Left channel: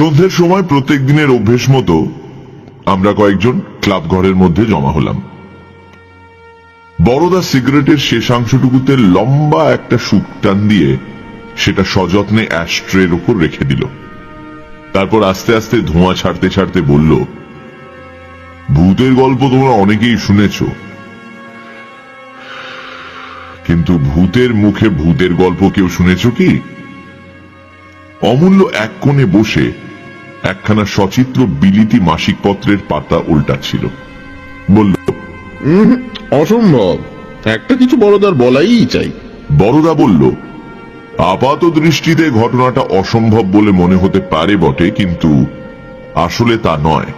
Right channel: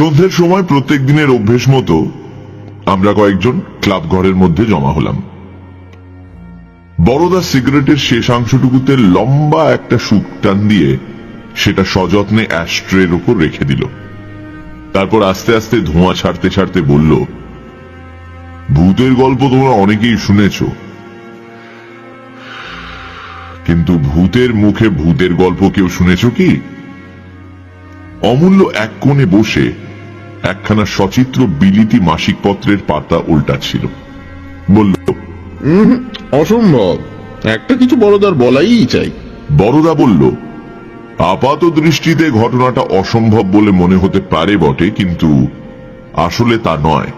সন্ধ্যের সময় প্রত্যেক দিনের অভ্যেস মতো আমরা কয়েকজন ক্লাব ঘরের মধ্যে জমা হলাম। বড়দা সিগারেটের শেষাংশটুকুতে লম্বা একটা সুপ টান দিয়ে সেটা সযত্নে অ্যাশট্রের উপর রেখে দিল। তারপর আস্তে আস্তে ধোঁয়া ছাড়তে ছাড়তে বলল, ভূতের গল্প তোমরা অনেকেই শুনেছ, কিন্তু ভূতের মুখে ভূতের গল্প কেউ শুনেছ কি? অমূল্য এক কোণে বসে একখানা সচিত্র বিলিতি মাসিক পত্রের পাতা উল্টাচ্ছিল। বলল, অসম্ভব, একটা কিছু বড়দার বলাই চাই। বড়দা বলল, আপাত দৃষ্টিতে ঘটনাটা অসম্ভব বলে মনে হতে পারে বটে, কিন্তু আসলে তা নয়।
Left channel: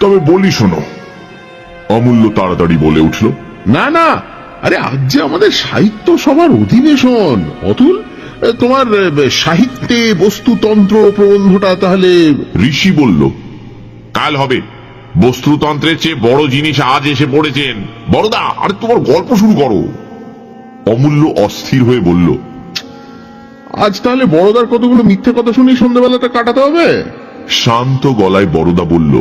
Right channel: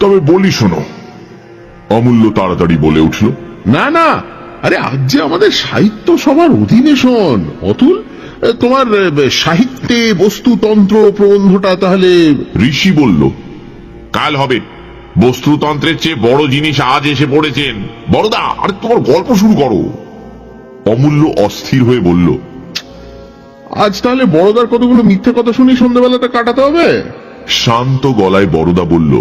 তবে বলি শোনো। অমূল্য তাড়াতাড়ি বলে উঠল, না না, আরে আজ যে আমাদের সাহিত্য সভার অধিবেশন অতুল, তোমার সাহিত্যে বস্তুতন্ত্র প্রবন্ধটা তাহলে? ঋষি বলল, কাল হবে। বস্তুতন্ত্রের চেয়ে বড় জিনিস আজ এসে পড়েছেন। বড়দা, আরে তোমার গল্প শুরু করো। অমূল্য অস্থির হয়ে বলল, আজ তাহলে বড়দার কতগুলো মিথ্যা কথা শুনি সন্ধ্যাবেলাটা কাটাতে হবে। শান্ত গলায় বড়দা বলল,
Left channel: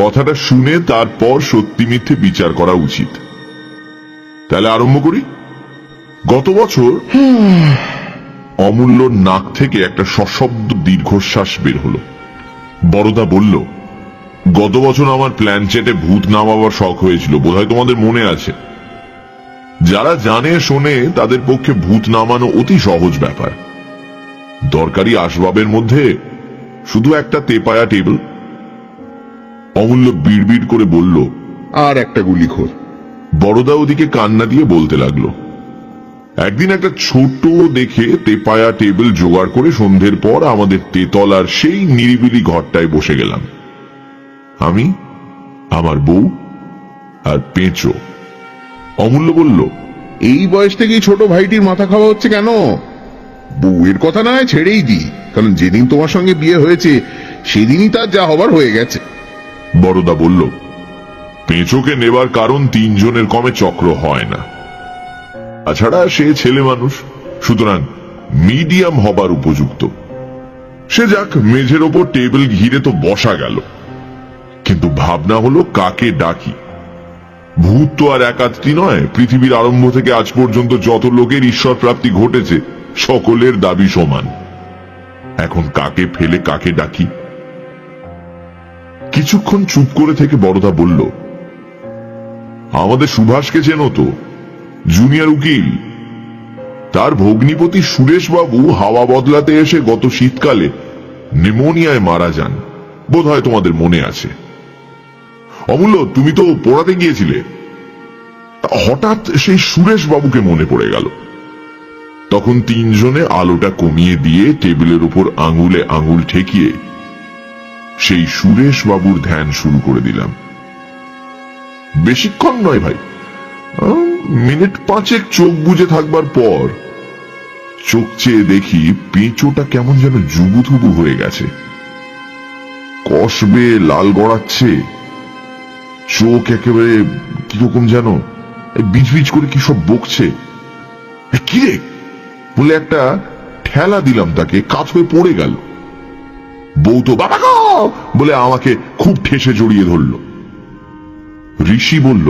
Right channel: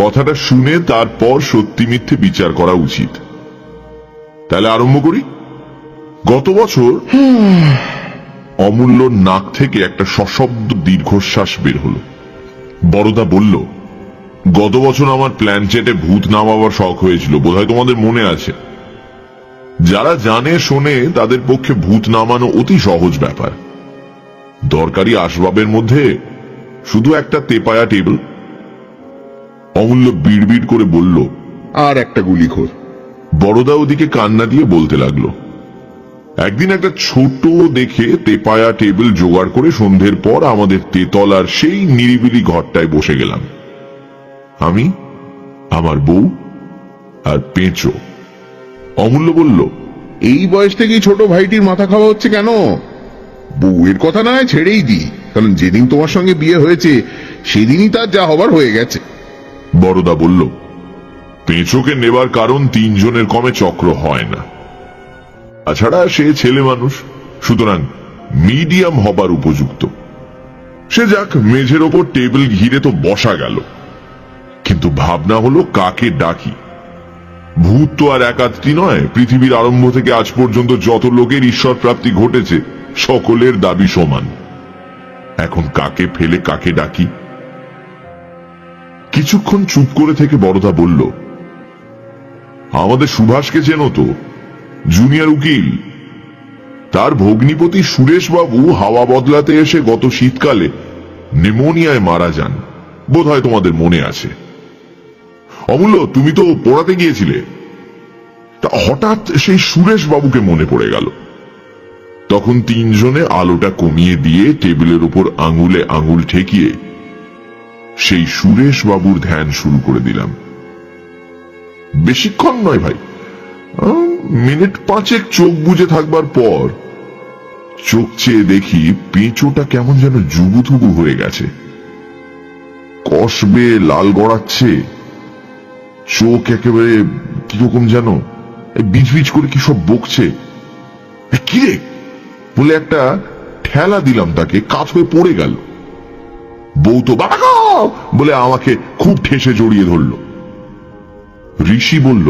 কথাটা শুনে তারপর সত্যি মিথ্যে বিচার করা উচিত। তাহলে আরম্ভ করি। গত বছর অমূল্য নাক থেকে একটা সশব্দ দীর্ঘশ্বাস বের হলো। বড়দা বলল, গত বছর আমার প্ল্যান চেটে ভূত নামাবার শখ হয়েছিল, বোধহয় তোমাদের মনে আছে। যারা জানে শোনে তাদের পক্ষে ভূত নামানো অতি সহজ ব্যাপার। দরকারি আসবাবের মধ্যে শুধু একটা তেপায়া টেবিল। অমূল্য বিড়বিড় করে বলল, আর একটা গুলিখোর। বড়দা ওদিকে কান্না দিয়ে বলতে লাগলো, একদিন একটা ছোট দেখে তেপায়া টেবিল জোগাড় করে সন্ধ্যের পর আমাদের তেতলার সেই নিরিবিলি ঘরটায় বসে গেলাম। আমি, আমার বউ আর পেঁচো। অমূল্য বলল, এই বয়স থেকেই ছোট ভাইটির মাথা খাওয়া হচ্ছে কেন? বউয়ের কথা না ছেড়েই দিই, কারণ যেদিন তোমার সঙ্গে বিয়ে হয়েছে সেদিনই তার যা হবার হয়ে গেছে। বড়দা বলল, পেঁচোকে নেবার কারণ তিনজনের কমে চক্র হয় না। তাছাড়া সে ছেলে মানুষ, সুতরাং মিডিয়াম হবার উপযুক্ত। সে যাক, মেঝের ওপর টেবিল ঘিরে তো বসা গেল, কিন্তু ভাবনা হলো কাকে ডাকি। ভূত তো আর একাত্তি নয়। পৃথিবীর আরম্ভ থেকে আজ পর্যন্ত যত লোকের ঈশ্বর প্রাপ্তি ঘটেছে সকলের দাবি সমান। এখন কাকে ফেলে কাকে ডাকি? কিছুক্ষণ চুপ করে থেকে বড়দা বলল, আমাদের সুভাষকে চেনো তো, জুনিয়র উকিল। তার ভগ্নিপতি সুরেশ বাবু হাওয়া বদলাতে এসে গত শীতকালে নিউমোনিয়ায় মারা যান, বোধহয় তোমাদের মনে আছে। অমূল্য, তুমি তো পড়াতে গিয়েছিলে। তা হঠাৎ সেই সুরেশ বাবুকে মনে পড়ে গেল। তখন তিনজনে আলোটা কমিয়ে দিয়ে টেবিলের উপর আঙুলে আঙুল ঠেকিয়ে সেই সুরেশ বাবুর ধ্যান শুরু করে দিলাম। বেশিক্ষণ নয় ভাই, মিনিট পাঁচেক চোখ বুজে থাকবার পর চোখ চেয়ে দেখি পেঁচোটা কেমন যেন জুবুথুবু হয়ে গেছে, কষবে লাল গড়াচ্ছে, চোখ একেবারে কিরকম যেন বিজ বিজ করে কি সব বকছে। কি বলে একটা ঠেলা দিলাম তাকে, কাত হয়ে পড়ে গেল। বউ তো বাবা গো বলে আমাকে খুব ঠেসে জড়িয়ে ধরল। ঋষি বলল,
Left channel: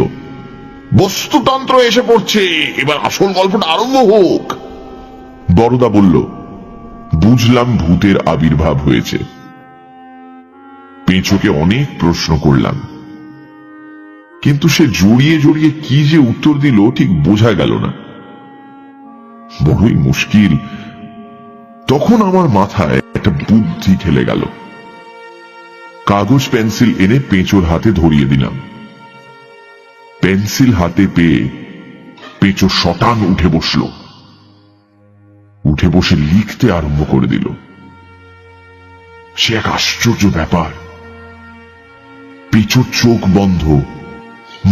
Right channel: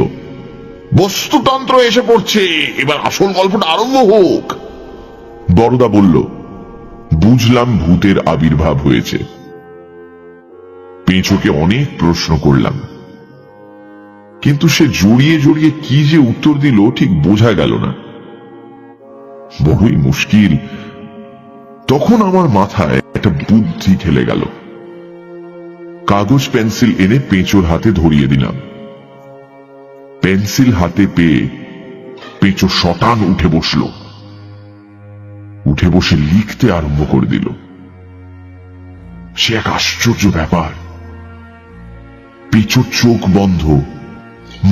বস্তুতন্ত্র এসে পড়ছে, এবার আসল গল্পটা আরম্ভ হোক। বড়দা বলল, বুঝলাম ভূতের আবির্ভাব হয়েছে। পেঁচোকে অনেক প্রশ্ন করলাম, কিন্তু সে জড়িয়ে জড়িয়ে কি যে উত্তর দিল ঠিক বোঝা গেল না। বড়ই মুশকিল। তখন আমার মাথায় একটা বুদ্ধি ঠেলে গেল। কাগজ পেন্সিল এনে পেঁচোর হাতে ধরিয়ে দিলাম। পেন্সিল হাতে পেয়ে পেঁচো শটান উঠে বসলো। উঠে বসে লিখতে আরম্ভ করে দিল। সে এক আশ্চর্য ব্যাপার। পেঁচোর চোখ বন্ধ,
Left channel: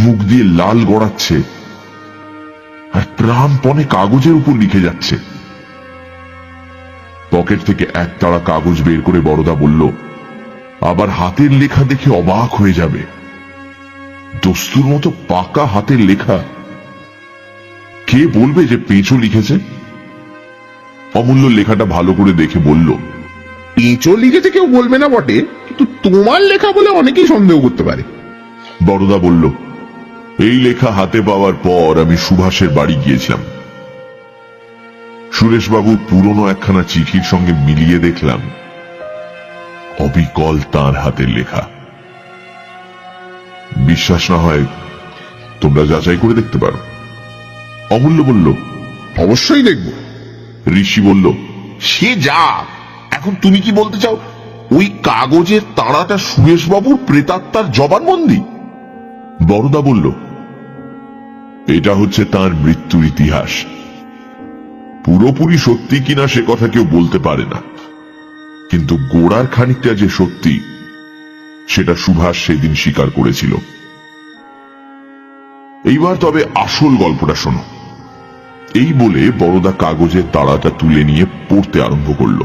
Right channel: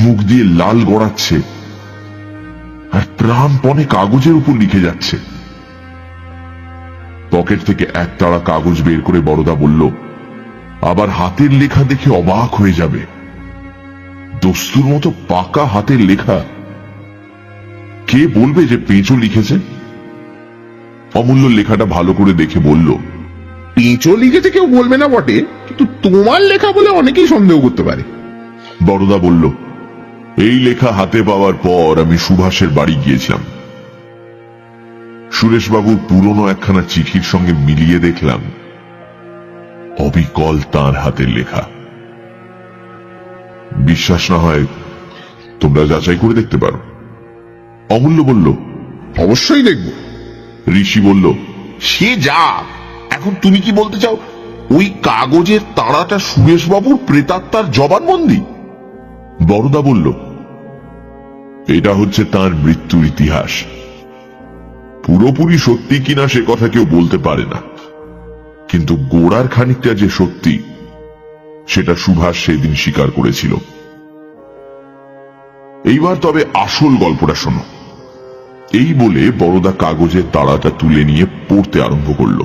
মুখ দিয়ে লাল গড়াচ্ছে, আর প্রাণপণে কাগজের উপর লিখে যাচ্ছে। পকেট থেকে এক তাড়া কাগজ বের করে বড়দা বলল, আবার হাতের লেখা দেখে অবাক হয়ে যাবে। দস্তুর মতো পাকা হাতের লেখা। কে বলবে যে পেঁচো লিখেছে? অমূল্য লেখাটা ভালো করে দেখে বলল, পেঁচো লিখেছে কেউ বলবে না বটে, কিন্তু তোমার লেখা বলে অনেকেই সন্দেহ করতে পারে। বড়দা বলল, এই লেখা হাতে পাওয়ার পর আমি সুভাষের বাড়ি গিয়েছিলাম। সুরেশবাবুর পুরনো একখানা চিঠির সঙ্গে মিলিয়ে দেখলাম অবিকল তার হাতের লেখা। বিশ্বাস না হয় তোমরা যাচাই করে দেখতে পারো। অমূল্য বলল, অবশ্যই দেখবো। ঋষি বলল, সে যা, এখন তুমি কি বলতে চাও ওই কাগজের তাড়াটা সুরেশবাবুর প্রেতাত্মার জবানবন্দি? বড়দা বলল, এটা হচ্ছে তার মৃত্যুর ইতিহাস। পুরোপুরি সত্যি কিনা সে কথা কেউ বলতে পারে না, কিন্তু গোড়ার খানিকটা যে সত্যি সেটা সুভাষ সেদিন স্বীকার করেছিল। এইবার তবে আসল গল্পটা শোনো। এই বলে বড়দা কাগজের তাড়াটা তুলে নিয়ে পড়তে আরম্ভ করলো।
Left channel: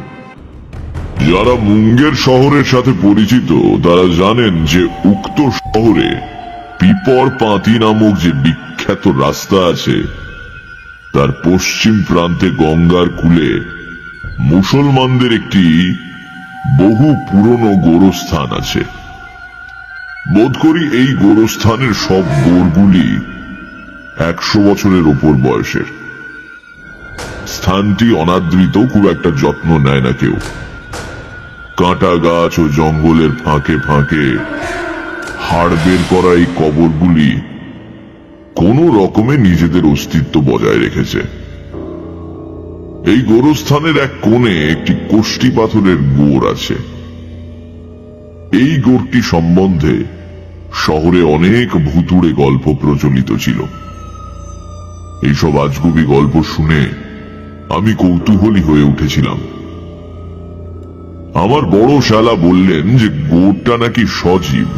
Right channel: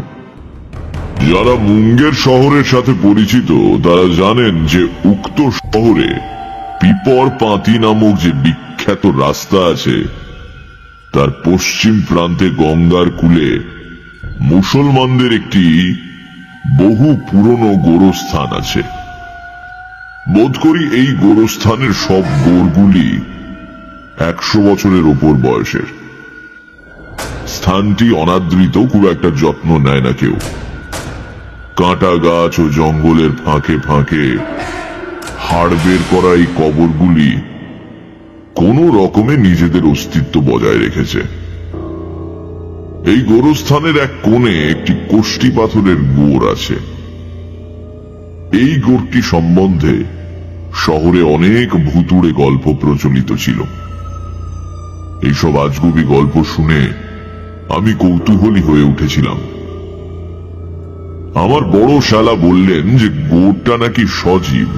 যারা মুঙ্গের শহরের সাথে পরিচিত তারা জানেন যে উক্ত শহরে পিপর পাতি নামক যে বিখ্যাত রাস্তা আছে তার পশ্চিম প্রান্তে গঙ্গার কূলে মুসলমানদের একটি বহু পুরনো গোরস্থান আছে। বোধ করি এই গোরস্থানের সব গড়গুলি 100 বছরের উপর বয়সের। স্থানটি অনাদৃত, খুব একটা যত্ন নেয় না কেউ। কাঁটা গাছ ও জঙ্গলের ফাঁকে ফাঁকে হাড় বের করা এই কবরগুলি কোন রকমে নিজেদের অস্তিত্ব বজায় রেখেছে। এই গোরস্থানের এক কোণে একটি কোষ্ঠী পাথরের গোড় আছে। এই গোড়টি সম্বন্ধে শহরে অনেক ভুতুড়ে গল্প প্রচলিত ছিল। এইসব আজগুবি গল্প শুনে আমি কৌতূহলী হয়ে উঠেছিলাম। আমার বড় শালা বললেন যে গোড়টা নাকি সজীব।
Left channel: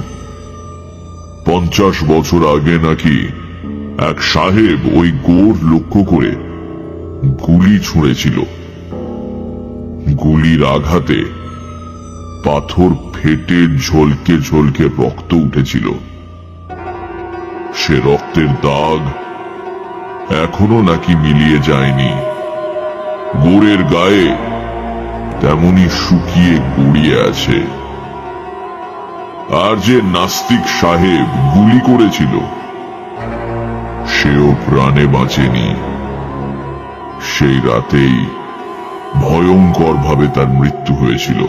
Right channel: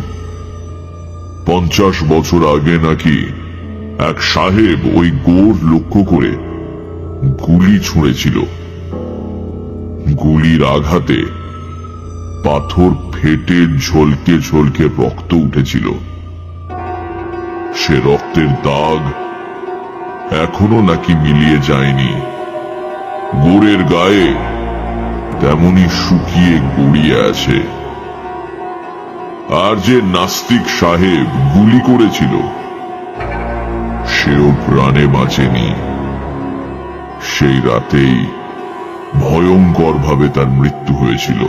50 বছর আগে নাকি এক সাহেব ওই গোড় লক্ষ্য করে গুলি ছুঁড়েছিল। গুলির আঘাতে পাথর ফেটে ঝলকে ঝলকে রক্ত উঠেছিল। সে রক্তের দাগ এখনো নাকি মিলিয়ে যায়নি। গোড়ের গায়ে তেমনি শুকিয়ে গড়িয়ে আছে। আর যে নাস্তিক সাহেব গুলি করেছিল সেও প্রাণে বাঁচেনি। সেই রাতে ভয়ঙ্কর ভাবে তার মৃত্যু হয়েছিল।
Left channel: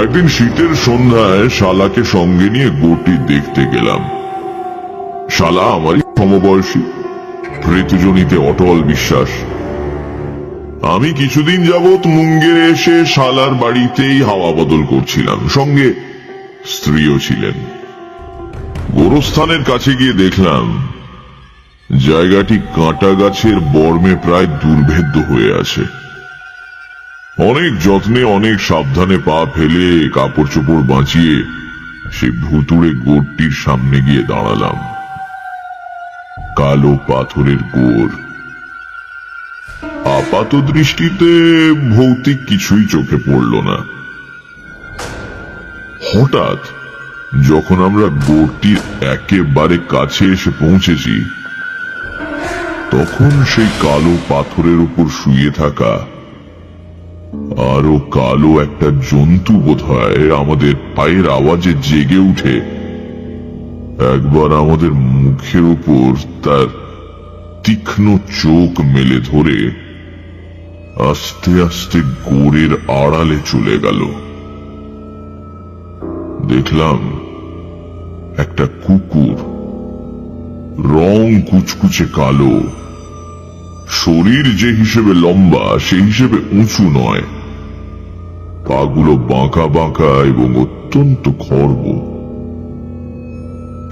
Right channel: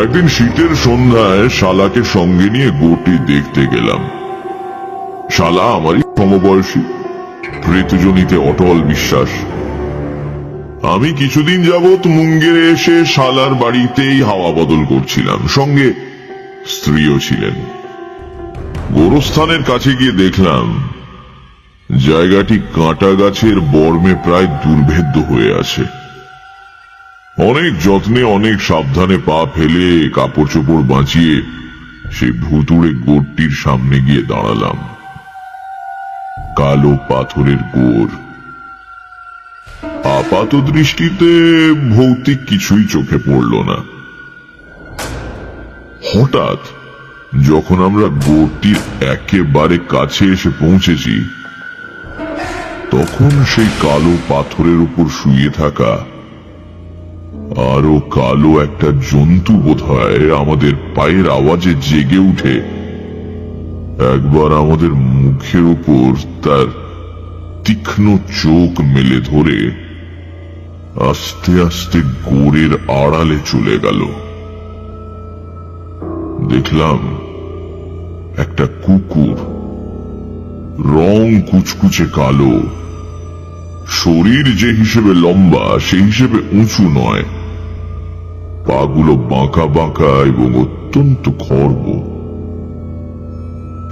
একদিন শীতের সন্ধ্যায় শালাকে সঙ্গে নিয়ে গোটি দেখতে গেলাম। শালা আমারই সমবয়সী, ঋতুজনিতে অটল বিশ্বাস। আমি কিছুদিন যাবৎ মুঙ্গেরে এসে শালার বাড়িতেই হাওয়া বদল করছিলাম, সঙ্গে স্ত্রীও ছিলেন। গোরস্থানের কাছে গিয়ে দেখলাম জায়গাটি কাঁটা গাছের বর্মে প্রায় দুর্ভেদ্য হয়ে আছে। অনেক যত্নে অনেক সাবধানে পা ফেলে কাপড় চোপড় বাঁচিয়ে সেই ভুতুড়ে গোড়টির সামনে গিয়ে দাঁড়ালাম। কালো পাথরের গোড়। আপাত দৃষ্টিতে ভৌতিক কিছুই চোখে পড়ল না। হঠাৎ যখন আমরা গোড়টির একেবারে কাছে এসে পৌঁছেছি তখন সেই কালো পাথরের উপর শুয়ে থাকা আরো কালো একটা জন্তু বোধহয় আমাদের পায়ের আওয়াজে জেগে উঠে একবার আমাদের মুখের উপর তার তীক্ষ্ণ চোখ মেলে ধরে আস্তে আস্তে গোড়ের আড়ালে চলে গেল। দেখলাম একটা কুকুর, রং কুচকুচে কালো, শরীর যে হিসেবে লম্বা সেই হিসেবে উঁচু নয়, পাগুলো বাঁকা বাঁকা এবং অত্যন্ত খর্ব।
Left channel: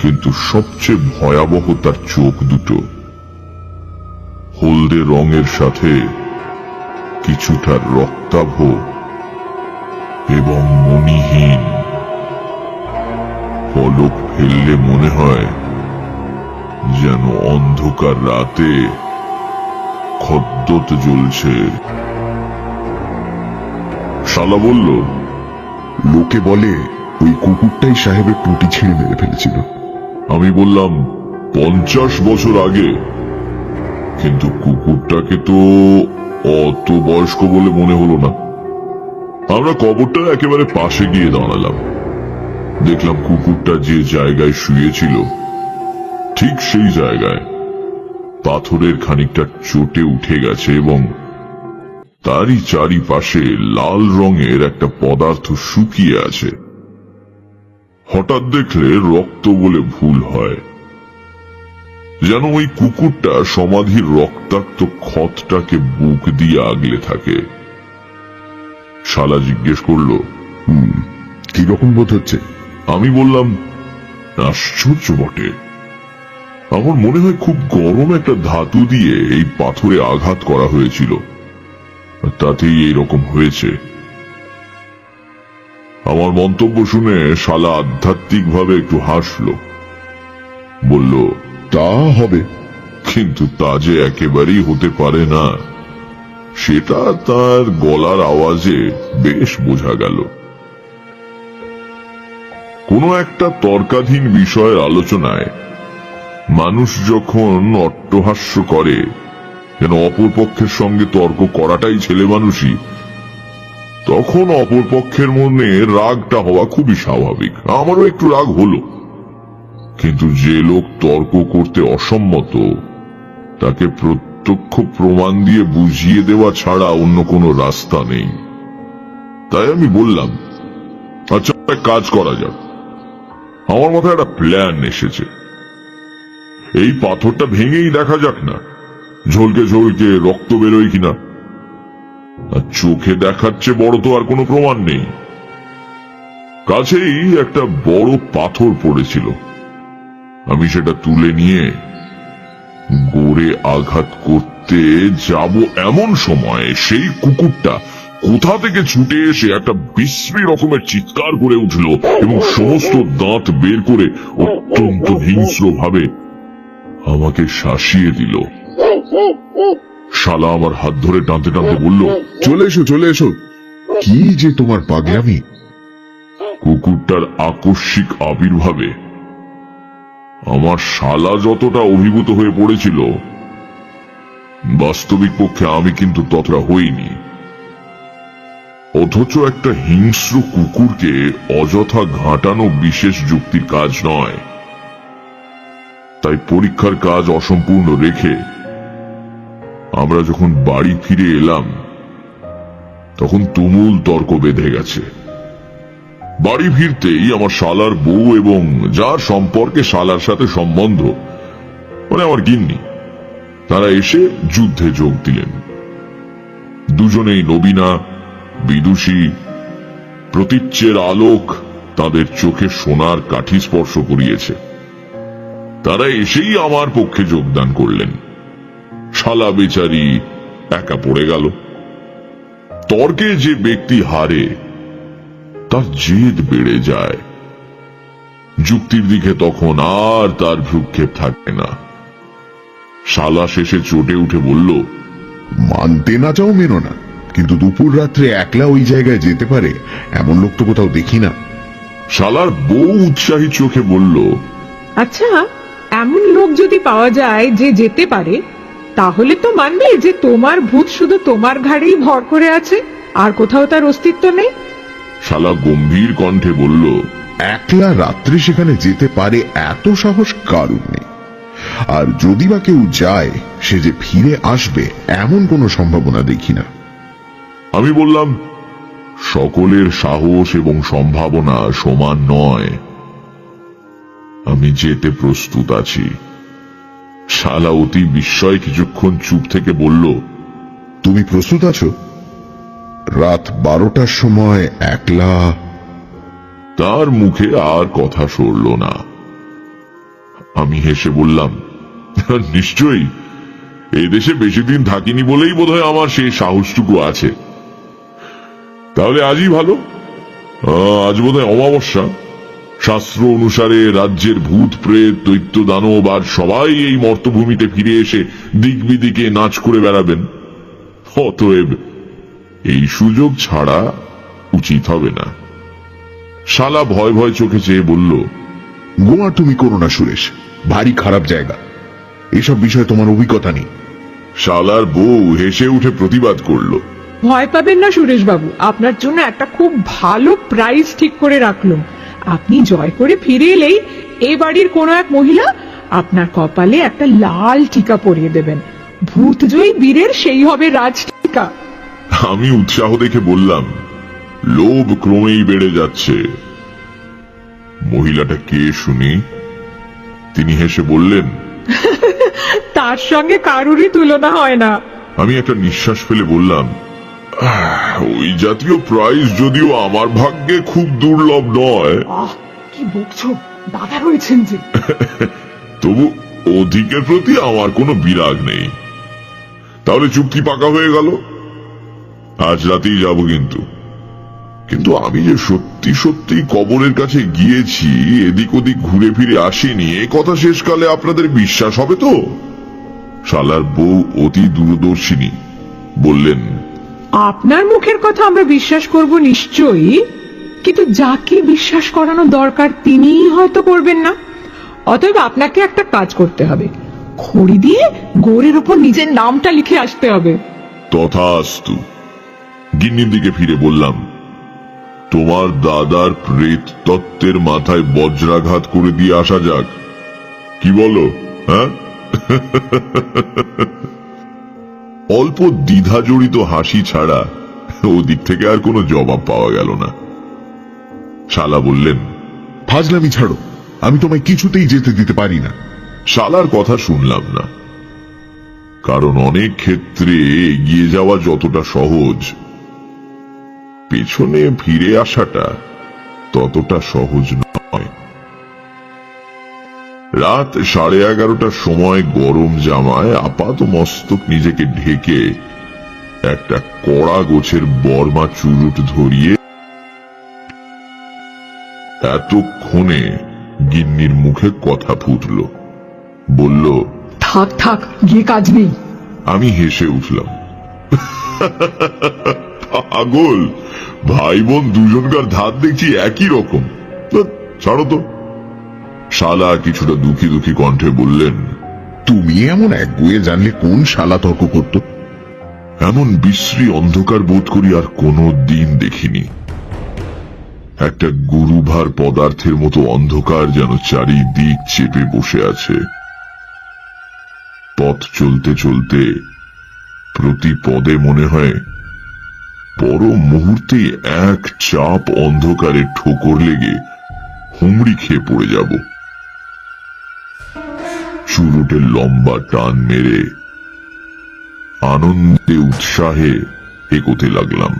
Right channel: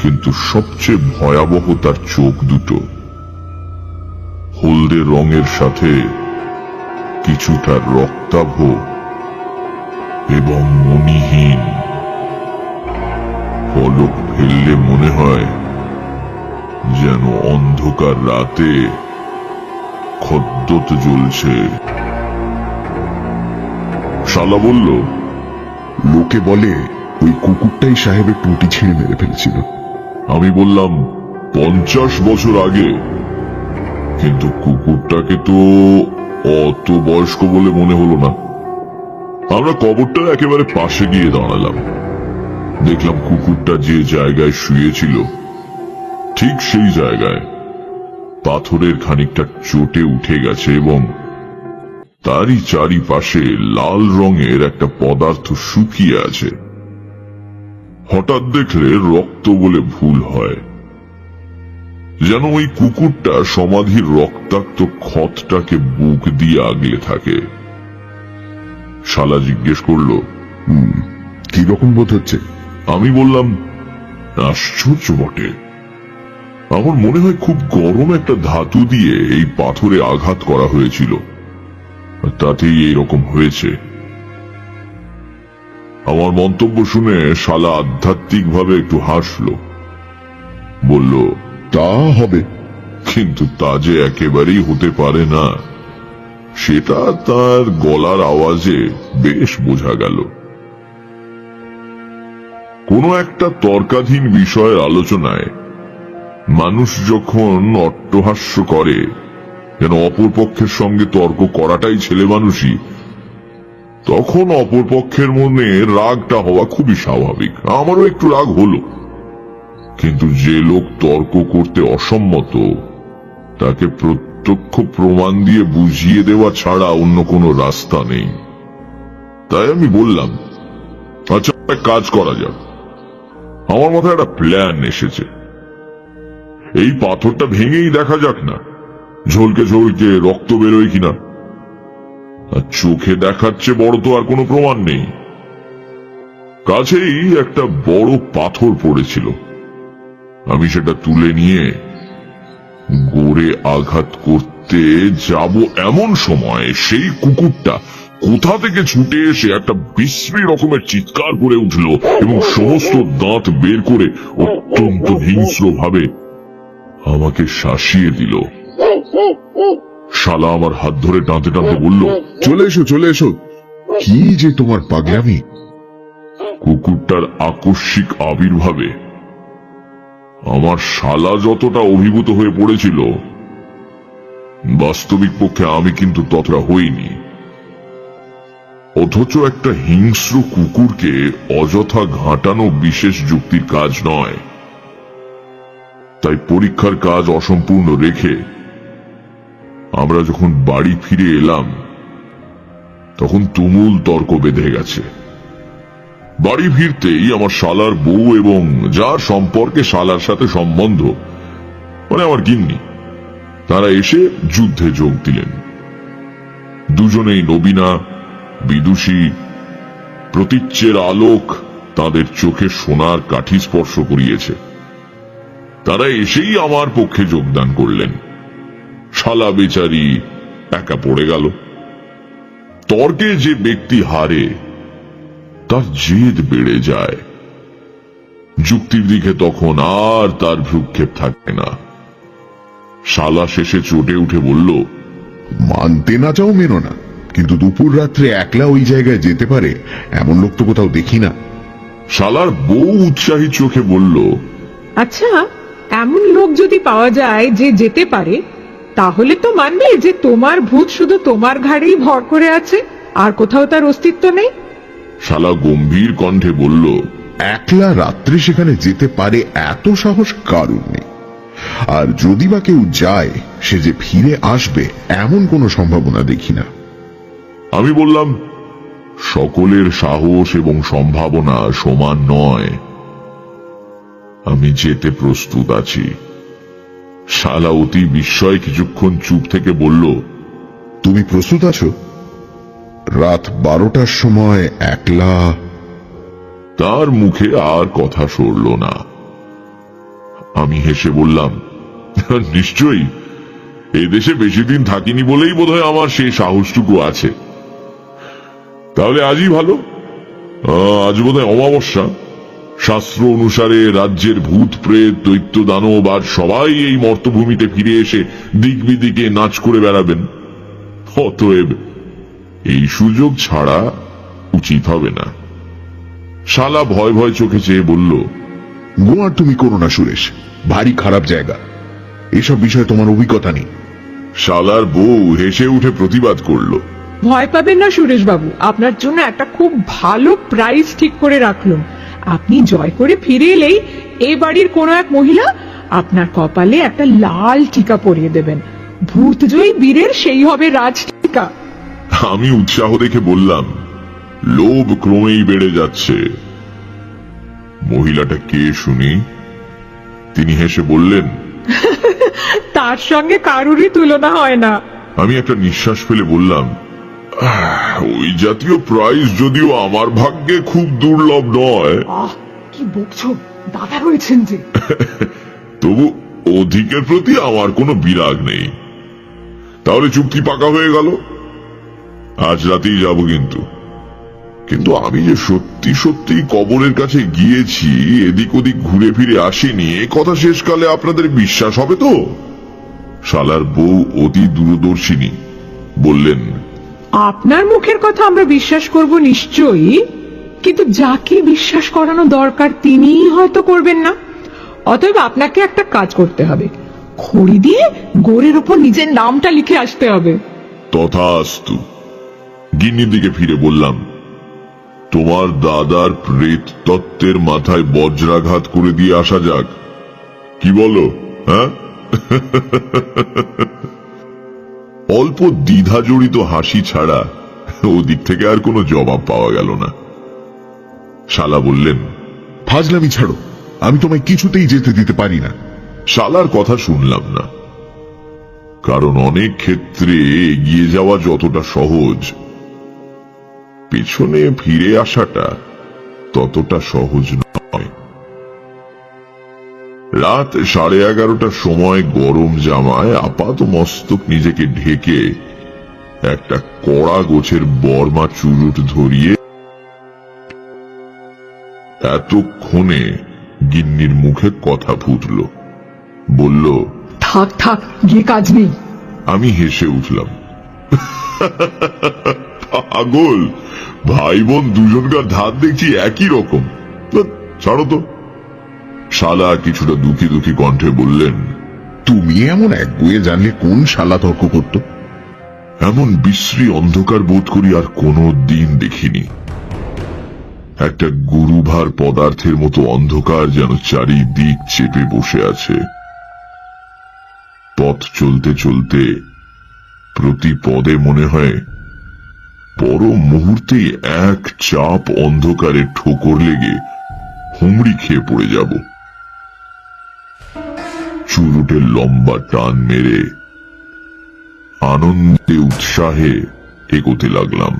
কিন্তু সবচেয়ে ভয়াবহ তার চোখ দুটো, হলদে রঙের সাথে কিছুটা রক্তাভ এবং মণিহীন। পলক ফেললে মনে হয় যেন অন্ধকার রাতে খদ্দত জ্বলছে। শালা বলল, লোকে বলে ওই কুকুরটাই সাহেবের টুটি ছিঁড়ে মেরে ফেলেছিল। আমি বললাম, 50 বছর আগে? কিন্তু কুকুরটাকে তো অত বয়স্ক বলে মনে হলো না। আমরা কবরটার একেবারে পাশে গিয়ে দাঁড়ালাম। দেখলাম কুকুরটা যে জায়গায় শুয়েছিল ঠিক সেই জায়গায় পাথরের খানিকটা চটে উঠে গেছে এবং তারই চারিপাশে লাল রঙের একটা পদার্থ শুকিয়ে আছে। হঠাৎ দেখলে রক্ত বলে ভুল হয়, যেন ওই কুকুরটা সমাধির রক্তাক্ত ক্ষতটাকে বুক দিয়ে আগলে থাকে। শালা জিজ্ঞেস করলো, কিরকম বোধ হচ্ছে? আমি বললাম, আশ্চর্য বটে। আমার মনে হয় খুব গরম একটা ধাতু দিয়ে এই পাথরে আঘাত করা হয়েছিল, তাতেই এইরকম হয়েছে। আমার মন্তব্য শুনে শালা আধ্যাত্মিক ভাবে একটু হাসলো, বলল, তা হবে, কিন্তু তা যে একেবারেই হতে পারে না সেটা তার গলার আওয়াজে বেশ বোঝা গেল। কোনো একটা তর্কাধীন বিষয়ের আলোচনায় মানুষ যখন অট্টহাস্য করে, যেন অপর পক্ষের সঙ্গে তর্ক করাটাই ছেলে মানুষই, তখন অপর পক্ষের মনে রাগটা হওয়া খুবই স্বাভাবিক। আমারও একটু রাগ হলো, কিন্তু যে লোক তর্ক করতে অসম্মত তাকে প্রত্যক্ষ প্রমাণ দিয়ে বুঝিয়ে দেওয়া ছাড়া অন্য কোনো রাস্তা নেই। তাই আমি বললাম, আচ্ছা একটা কাজ করা যাক। আমার মাথায় একটা প্ল্যান এসেছে। এই পাথরটা ভেঙেই দেখা যাক না ঝলকে ঝলকে রক্ত বেরোয় কিনা। আর চোখে দেখাচ্ছে বড় তো আর কোনো প্রমাণ নেই। কাছেই একটা বড় পাথর পড়েছিল, আমি সেটা তুলে নিয়ে গোড়ে আঘাত করতে যাব এমন সময় সেই কুকুরটা কোথা থেকে ছুটে এসে একটা বিশ্রী রকমের চিৎকার করে উঠল এবং সমস্ত দাঁত বের করে অত্যন্ত হিংস্র ভাবে আমাকে শাসিয়ে দিল। শালা আমার হাত ধরে টানতে টানতে বলল, চলে এসো চলে এসো। কি যে তোমার পাগলামি! কুকুরটার আকস্মিক আবির্ভাবে আমার শালা যতটা অভিভূত হয়ে পড়েছিল, বাস্তবিক পক্ষে আমি কিন্তু ততটা হইনি। অথচ একটা হিংস্র কুকুরকে অযথা ঘাঁটানো বিশেষ যুক্তির কাজ নয়। তাই পরীক্ষার কাজ অসম্পূর্ণ রেখে আমরা যখন বাড়ি ফিরে এলাম তখন তুমুল তর্ক বেঁধে গেছে। বাড়ি ফিরতেই আমার শালার বউ এবং যার সম্পর্কে শালার সাথে সম্বন্ধ, মানে আমার গিন্নি, তারা এসে যুদ্ধে যোগ দিলেন। দুজনেই নবীনা, বিদুষী, প্রতীচ্যের আলোক তাদের চোখে সোনার কাঠি স্পর্শ করিয়েছে। তারা এসেই আমার পক্ষে যোগদান করলেন। শালা বেচারি একা পড়ে গেল। তর্কে যে ব্যক্তি হারে তার জেদ বেড়ে যায়, যুক্তির দিকে তখন আর তার ভ্রুক্ষেপ থাকে না। শালা শেষে চটে উঠে বলল, মানতে না চাও মেনো না, কিন্তু দুপুর রাত্রে একলা ওই জায়গায় যেতে পারে এমন লোক তো কোথাও দেখি না। শালার বউ উৎসাহী চোখে বলল, আচ্ছা, এমন লোক যদি পাওয়া যায় যে যেতে পারে, তাহলে তো মানবে যে তোমার ভূত শুধু তোমার ঘাড়েই ভর করে আছে, আর কোথাও তার অস্তিত্ব নেই। শালা গম্ভীর কণ্ঠে বলল, একলা রাত্রে সেখানে যেতে পারে এত সাহস কারণ নেই। আর যদি বা কেউ যায়, সে যে ফিরে আসবে এমন কোনো সম্ভাবনা দেখি না। আমি বললাম, সকলের সাহস এবং সম্ভাবনা সমান নয়, আমি যেতে প্রস্তুত আছি। শালা অতি বিস্ময় কিছুক্ষণ চুপ থেকে বলল, তুমি প্রস্তুত আছো? রাত 12টার সময় একলা? তার মুখে আর কথা সরল না। আমি হেসে বললাম, নিশ্চয়ই, এই দেশে বেশি দিন থাকিনি বলেই বোধহয় আমার সেই সাহসটুকু আছে। তাহলে আজই ভালো। আজ বোধহয় অমাবস্যা। শাস্ত্র অনুসারে রাজ্যের ভূত প্রেত দৈত্য দানব আর সবাই এই মর্তভূমিতে ফিরে এসে দিক বিদিকে নাচ করে বেড়াবেন। অতএব এই সুযোগ ছাড়া উচিত হবে না। শালা ভয় ভয় চোখে চেয়ে বলল, গোয়া তুমি করো না সুরেশ, ভারী খারাপ জায়গা, এসব বিষয়ে তোমার অভিজ্ঞতা নেই। শালার বউ হেসে উঠে প্রতিবাদ করলো। ভয় পাবেন না সুরেশ বাবু, আপনার জন্য একটা খুব ভালো প্রাইজ ঠিক করে রাখলো। আপনি জয় করে ফিরে এলেই এই বাড়ির কোনো এক মহিলা আপনার কপালে একটা লাল টিকা পরিয়ে দেবেন। ভূতজয়ী বীরের সেই হবে রাজ টিকা। আমি উৎসাহ দেখে বললাম, লোভ ক্রমেই বেড়ে যাচ্ছে। মহিলাটা কে শুনি? তিনি হেসে বললেন, তার সঙ্গে কারুরই তুলনা হয় না। আমি একটা নিঃশ্বাস ফেলে বললাম, ওই জাতীয় প্রাইজ যদিও আমার ভাগ্যে খুব দুর্লভ নয়, কি বলছো, দাদা রয়েছেন যে। তবু অধিকের প্রতি আমার কোনো বিরাগ নেই। তাহলে চুক্তি পাকা হয়ে গেল, আজ রাতেই যাব। কিন্তু আমি যে সত্যি সত্যি কবরের কাছে গিয়েছি, এদিক ওদিক ঘুরে ফিরে আসিনি, এই কথা শেষকালে আপনাদের বিশ্বাস হবে তো? শালার বউ অতি দূরদর্শিনী বললেন, আপনার মুখের কথা আমরা বিশ্বাস করব নিশ্চয়ই, কিন্তু যাকে বিশ্বাস করানো দরকার তিনিই হয়তো করবেন না। অতএব আপনাকে একটা কাজ করতে হবে, খড়ি দিয়ে গোড়ের উপর নিজের নামটা লিখে আসতে হবে। তথাস্তু। গিন্নির দিকে ফিরে বললাম, তোমার দাদার প্রেত তত্ত্বের মাথায় বজ্রাঘাত করে দিয়ে আসা যাক, কি বলো? হ্যাঁ? অল্প দ্বিধা জড়িত হাসি ছাড়া ওদিক থেকে আর কোনো জবাব পাওয়া গেল না। শালা বললেন, ফাজলামি ছাড়ো, আমি তোমায় কিছুতেই যেতে দিতে পারি না। শালার কথা শুনলাম না, কারণ অনেক ক্ষেত্রে এগিয়ে যাওয়া যতটা সহজ, পেছনে ফিরে আসাটা ততটা সহজ নয়। রাত 11:30টার সময় গরম জামায় আপাত মস্তক নিজেকে ঢেকে একটা কড়া গোছের বর্মা চুরুট ধরিয়ে এতক্ষণে গিন্নির মুখে কথা ফুটল। বলল, থাক থাক, গিয়ে কাজ নেই। আমি হেসে উঠলাম, পাগল, ভাই বোন দুজনকার ধার দেখছি একই রকম, ছাড়ো তো। শালা কিছুটা দুঃখী দুঃখী কণ্ঠে বললেন, তুমি এমন এক মেয়ে জানলে কোন শালা তর্ক করতো? এমন বিশ্রী অন্ধকার বোধ করি আর কোনো দিন দেখিনি। একটা গুরুভার পদার্থের মতো অন্ধকার যেন চারিদিক চেপে বসে আছে। পথ চলতে চলতে প্রতি পদে মনে হয় বড় মুহূর্তে এক চাপ অন্ধকারে ঠুকুর লেগে হুমড়ি খেয়ে পড়ে যাব। চুরুটের লম্বা টান মেরে আনন্দে উৎসাহে এগোতে লাগলাম।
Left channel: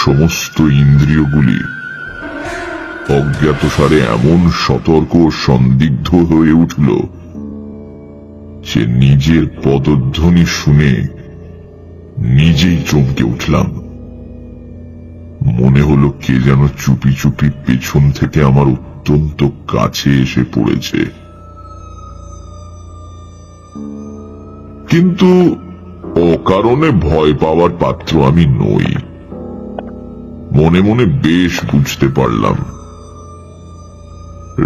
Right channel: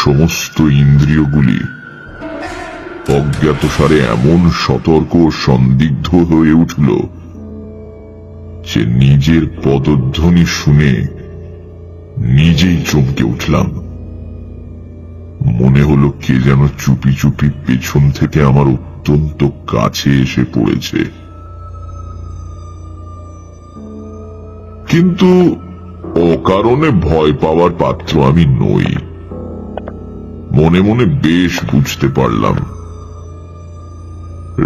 সমস্ত ইন্দ্রিয়গুলি অজ্ঞাতসারে এমন সতর্ক সন্দিগ্ধ হয়ে উঠল যে নিজের পদধ্বনি শুনে নিজেই চমকে উঠলাম। মনে হলো কে যেন চুপি চুপি পেছন থেকে আমার অত্যন্ত কাছে এসে পড়েছে। কিন্তু অকারণে ভয় পাওয়ার পাত্র আমি নই। মনে মনে বেশ বুঝতে পারলাম,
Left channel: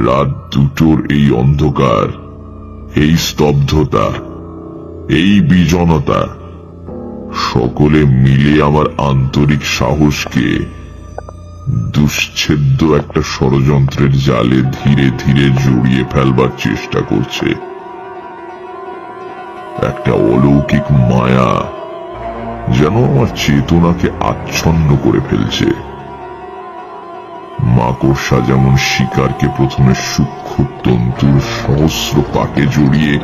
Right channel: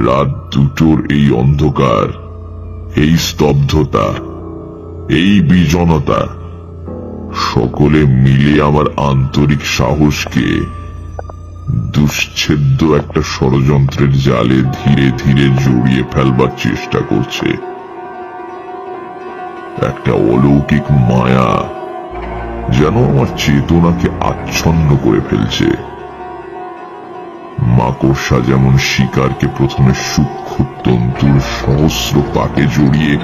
রাত দুটোর এই অন্ধকার, এই স্তব্ধতা, এই বিজনতা সকলে মিলে আমার আন্তরিক সাহসকে দুশ্ছেদ্য একটা ষড়যন্ত্রের জালে ধীরে ধীরে জড়িয়ে ফেলবার চেষ্টা করছে। একটা অলৌকিক মায়া যেন আমার চেতনাকে আচ্ছন্ন করে ফেলছে। মাকড়সা যেমন শিকারকে প্রথমে সূক্ষ্ম তন্তুর সহস্র পাকে জড়িয়ে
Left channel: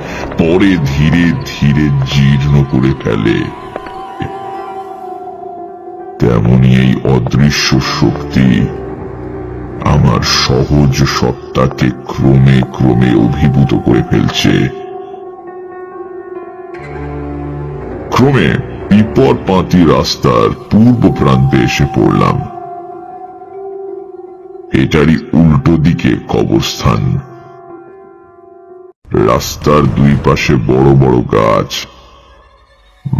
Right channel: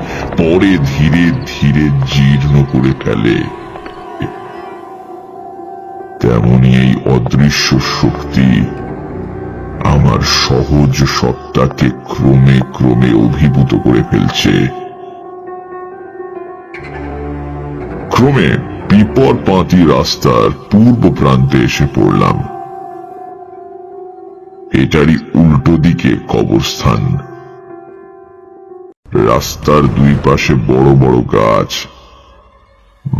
পরে ধীরে ধীরে জীর্ণ করে ফেলে, তেমনি এই অদৃশ্য শক্তি আমার সহজ সত্তাকে ক্রমে ক্রমে অভিভূত করে ফেলছে। ক্রমে পিপরপাতি রাস্তার পূর্ব প্রান্তে এসে পড়লাম। এটারই উল্টো দিকে কবরস্থান। রাস্তার দুই পাশে বড় বড় গাছ,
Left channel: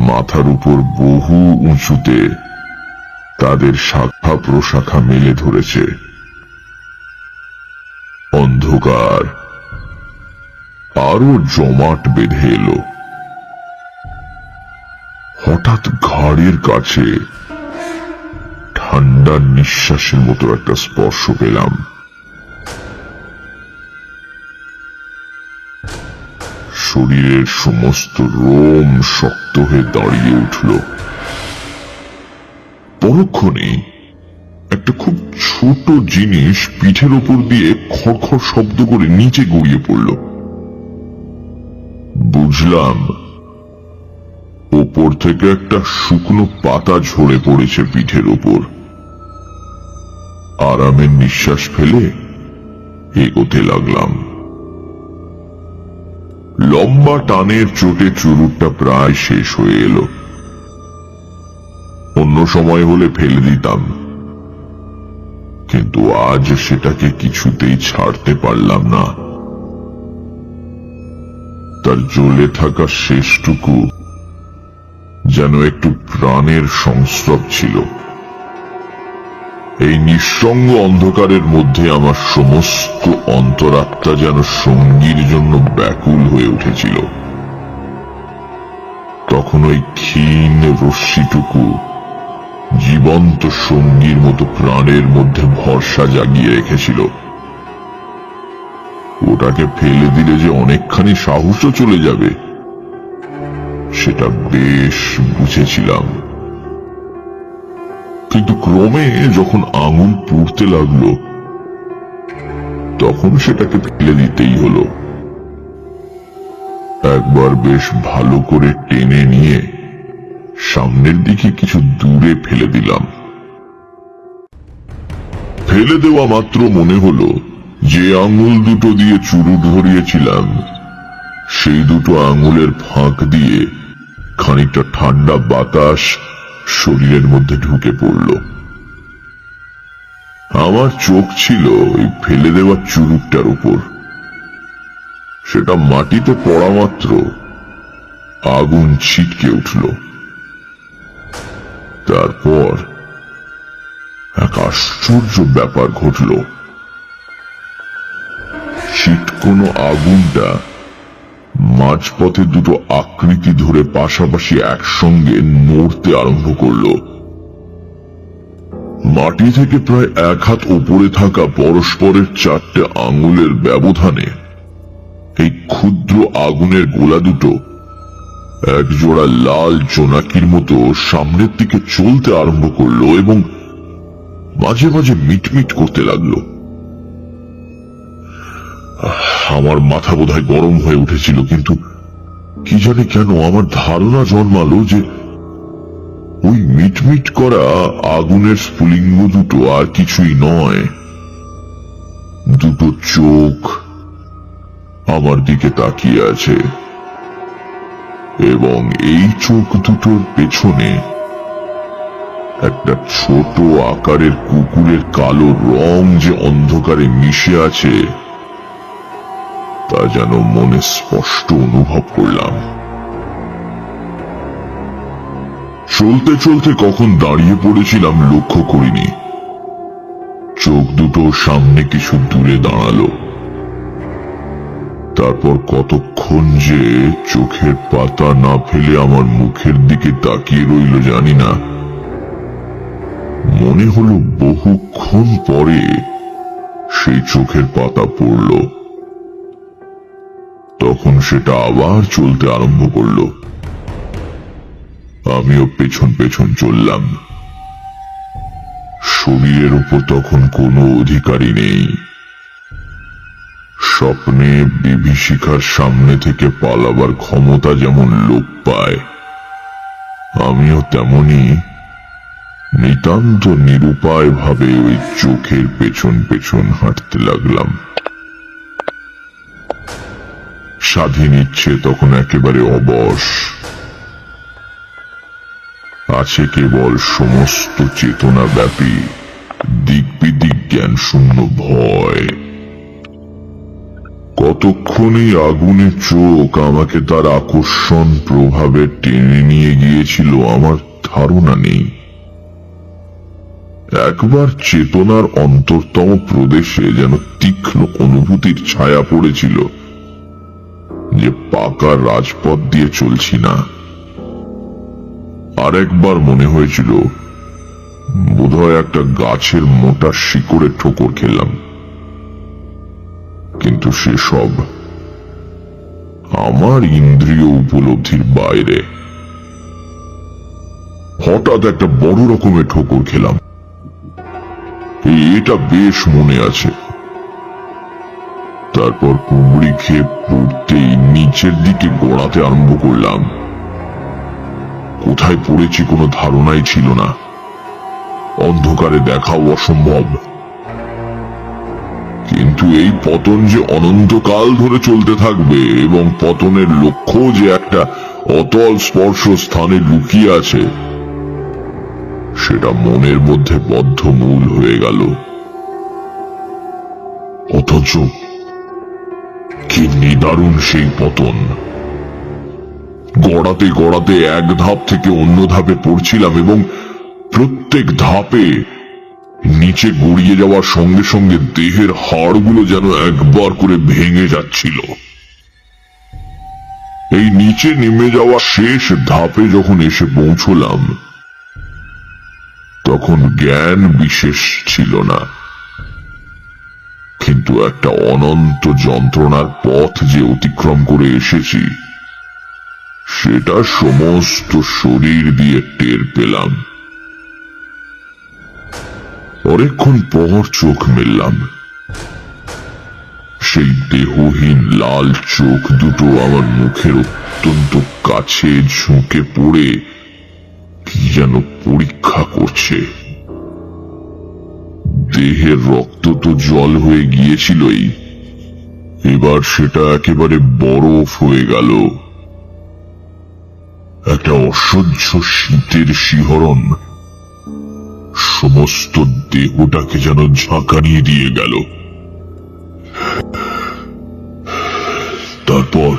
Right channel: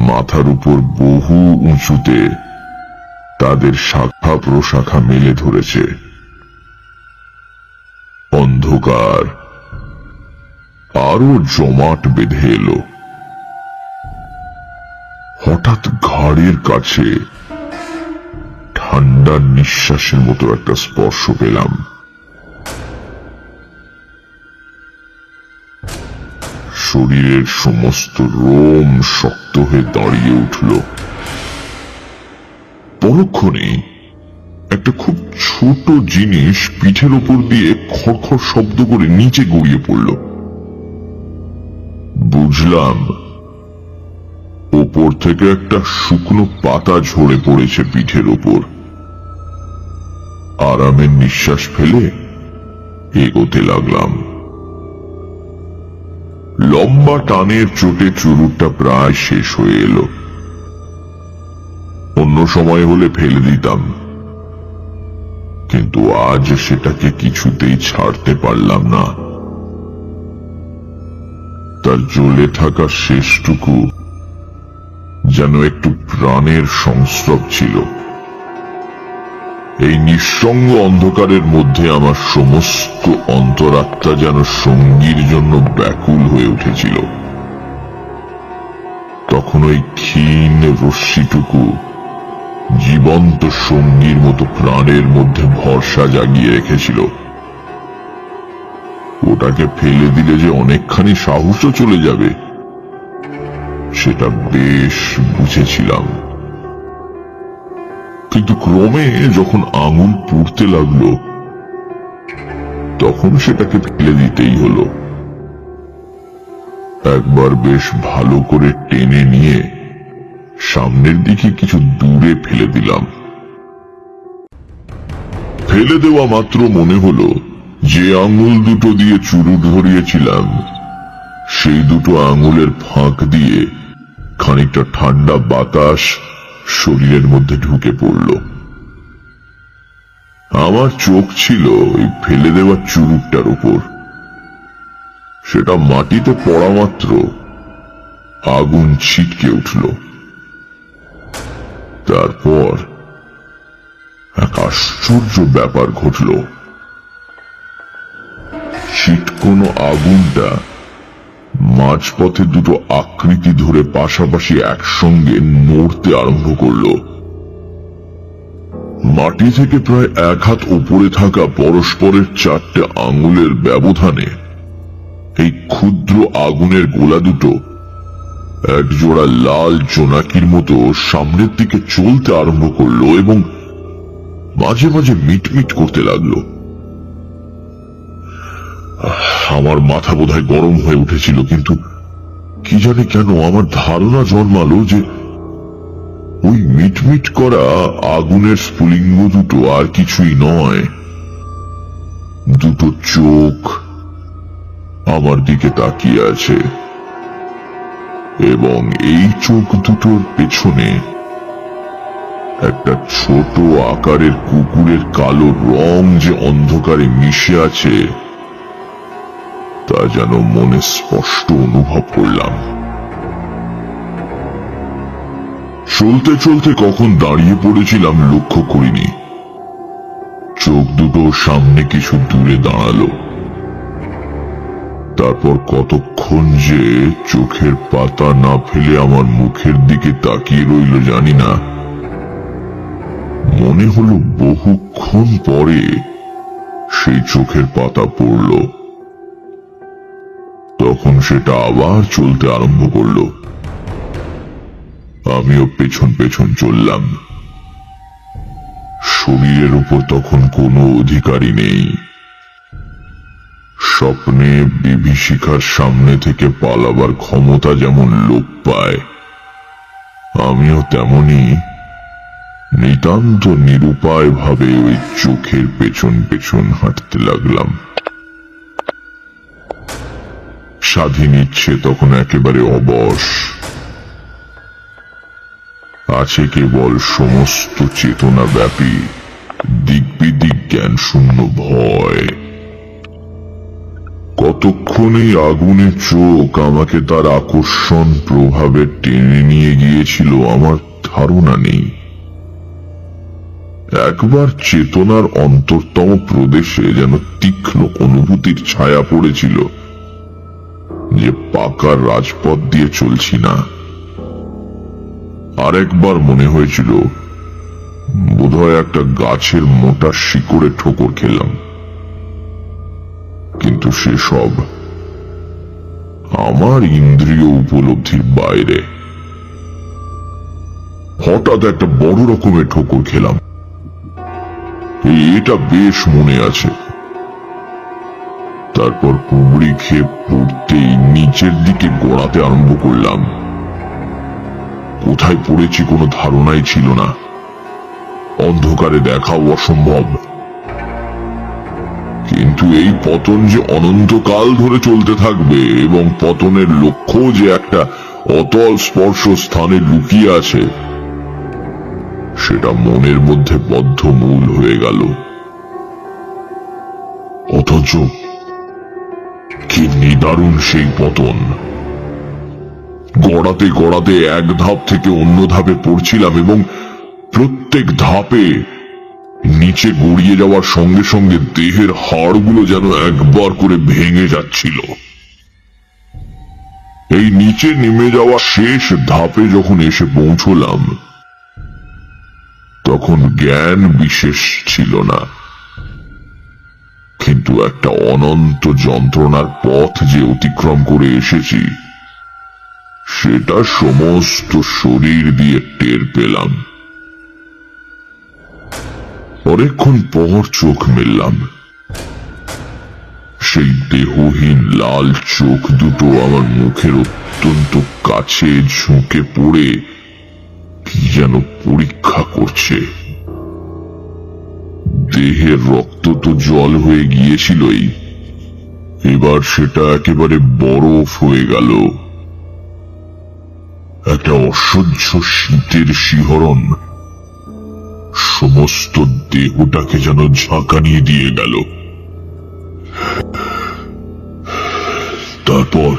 মাথার উপর বহু উঁচুতে তাদের শাখা প্রশাখা মেলে ধরেছে। অন্ধকার আরো জমাট বেঁধে এলো। হঠাৎ ঘাড়ের কাছে ঠান্ডা নিঃশ্বাসের মতো একটা স্পর্শ পেলাম। শরীরের সমস্ত রোম শক্ত হয়ে দাঁড়িয়ে উঠল। পরক্ষণে একটা খুব ছোট জিনিস পিঠের উপর দিয়ে খড়খড় শব্দ করে নিচে গড়িয়ে পড়ল। বুঝলাম ওপর থেকে একটা শুকনো পাতা ঝরে পড়েছে পিঠের উপর। আরামের নিঃশ্বাস ফেলে এগোতে লাগলাম। লম্বা টানের চোটে চুরুটটা প্রায় শেষ হয়ে এলো। অন্য সময় হলে ফেলে দিতাম, কিন্তু আজ সেটাকে কিছুতেই ছাড়তে পারলাম না। তার জ্বলে থাকা শেষটুকু যেন একটু প্রাণের সংস্রব ছিল। এই নিঃসঙ্গ অন্ধকারের মধ্যে আমার সমস্ত অন্তরাত্মা যেন সঙ্গীর জন্য ব্যাকুল হয়ে উঠেছিল। তখন ওই ক্ষীণ রশ্মিটুকু জীবন্ত সঙ্গীর মতো প্রাণের মধ্যে ভরসা জাগিয়ে রেখেছিল। ওটাকে ফেলে দিলে যে অনেকখানি সাহসও চলে যাবে, সেটা বেশ বুঝেছিলাম। কিন্তু ক্রমে যখন আঙুল পুড়তে লাগলো, তখন সেটাকে ফেলে দিতেই হলো। একবার বেশ ভালো করে টেনে নিয়ে সামনের দিকে কিছু দূরে ফেলে দিলাম। ফেলে দেওয়া মাত্র মনে হলো যে আঙুল দুটো দিয়ে চুরুট ধরিয়েছিলাম, সেই দুটো আঙুলের ফাঁক দিয়ে খানিকটা ঠান্ডা বাতাস শরীরের মধ্যে ঢুকে পড়ল। আমার চোখ ছিল ওই ফেলে দেওয়া চুরুটটার উপর। সেটা মাটিতে পড়া মাত্র আগুন ছিটকে উঠল। তারপর এক আশ্চর্য ব্যাপার ঘটল। ছিটকোনো আগুনটা মাঝপথে দুটো আকৃতি ধরে পাশাপাশি একসঙ্গে নড়তে আরম্ভ করল। মাটি থেকে প্রায় 1 হাত উপরে থাকা পরস্পরের 4টে আঙুলের ব্যবধানে এই ক্ষুদ্র আগুনের গোলা দুটো একজোড়া লাল জোনাকির মতো সামনের দিকে চলতে আরম্ভ করলো এবং মাঝে মাঝে মিটমিট করতে লাগলো। আমার মাথা বোধহয় গরম হয়ে উঠেছিল, কিন্তু কি জানি কেন আমার ধারণা জন্মালো যে ওই মিটমিট করা আগুনের স্ফুলিঙ্গ দুটো আর কিছুই নয়, দুটো চোখ আমার দিকে তাকিয়ে আছে, এবং এই চোখ দুটোর পেছনে একটা ছোট আকারের কুকুরের কালো রং যে অন্ধকারে মিশে আছে, তা যেন মনে স্পষ্ট অনুভব করলাম। চলতে চলতে কখন দাঁড়িয়ে পড়েছিলাম লক্ষ্য করিনি। চোখ দুটো সামনে কিছু দূরে দাঁড়ালো। তারপর কতক্ষণ যে চোখের পাতা না ফেলে আমার মুখের দিকে তাকিয়ে রইল জানি না। মনে হলো বহুক্ষণ পরে সেই চোখের পাতা পড়ল। তখন সেটা আবার চলতে আরম্ভ করলো। আমিও পেছন পেছন চললাম। শরীরের উপর তখন কোনো অধিকারী নেই। স্বপ্নে বিভীষিকার সামনে থেকে পালাবার ক্ষমতা যেমন লোপ পায়, আমিও তেমনি নিতান্ত নিরুপায় ভাবে ওই চোখের পেছন পেছন হাঁটতে লাগলাম। স্বাধীন ইচ্ছে তখন একেবারে অবশ। আছে কেবল সমস্ত চেতনা ব্যাপী দিক বিদিক জ্ঞান শূন্য ভয়। কতক্ষণে আগুনের চোখ আমাকে তার আকর্ষণ প্রভাবে টেনে নিয়ে গিয়েছিল আমার ধারণা নেই। একবার চেতনার অন্তরতম প্রদেশে যেন তীক্ষ্ণ অনুভূতির ছায়া পড়েছিল, যে পাকা রাজপথ দিয়ে চলছি না। আরেকবার মনে হয়েছিল বোধহয় একটা গাছের মোটা শিকড়ে ঠোকর খেলাম, কিন্তু সেসব আমার ইন্দ্রিয় উপলব্ধির বাইরে। হঠাৎ একটা বড় রকমের ঠোকর খেলাম, এটা বেশ মনে আছে। তারপর কুমড়ি খেয়ে পড়তেই নিচের দিকে গড়াতে আরম্ভ করলাম। কোথায় পড়েছি কোনো ধারণাই ছিল না, অন্ধকারে দেখাও অসম্ভব। কিন্তু এই পতন যে অনন্তকাল ধরে চলতে থাকবে এবং পতনের লক্ষ্য যে একটা অটল স্পর্শ স্থানে লুকিয়ে আছে, সেটা মনের মধ্যে বদ্ধমূল হয়ে গেল। অথচ কি নিদারুণ সেই পতন! গড়াতে গড়াতে এক ধাপ থেকে অন্য ধাপে পড়ছিলাম এবং প্রত্যেক ধাপে নিচে গড়িয়ে যাওয়ার সঙ্গে সঙ্গে দেহের হাড়গুলো যেন একবার করে ভেঙে যাচ্ছিল। এই নিচে নেমে যাওয়া শেষ ধাপে যখন এসে পৌঁছলাম, তখন জ্ঞান বিশেষ ছিল না, কিন্তু একটা অনন্ত যন্ত্রণার পথ যে অতিক্রম করে এসেছি সেটা সমস্ত শরীর দিয়ে টের পেলাম। অনেকক্ষণ পর চোখ মেললাম। সেই দেহহীন লাল চোখ দুটো আমার মুখের অত্যন্ত কাছে ঝুঁকে পড়ে কি যেন পরীক্ষা করছে। দেহের রক্ত তো জল হয়ে গিয়েছিলই, এবার সেটা একেবারে বরফ হয়ে গেল। একটা অসহ্য শীতের শিহরণ সমস্ত দেহটাকে যেন ঝাঁকানিয়ে দিয়ে গেল। তারপর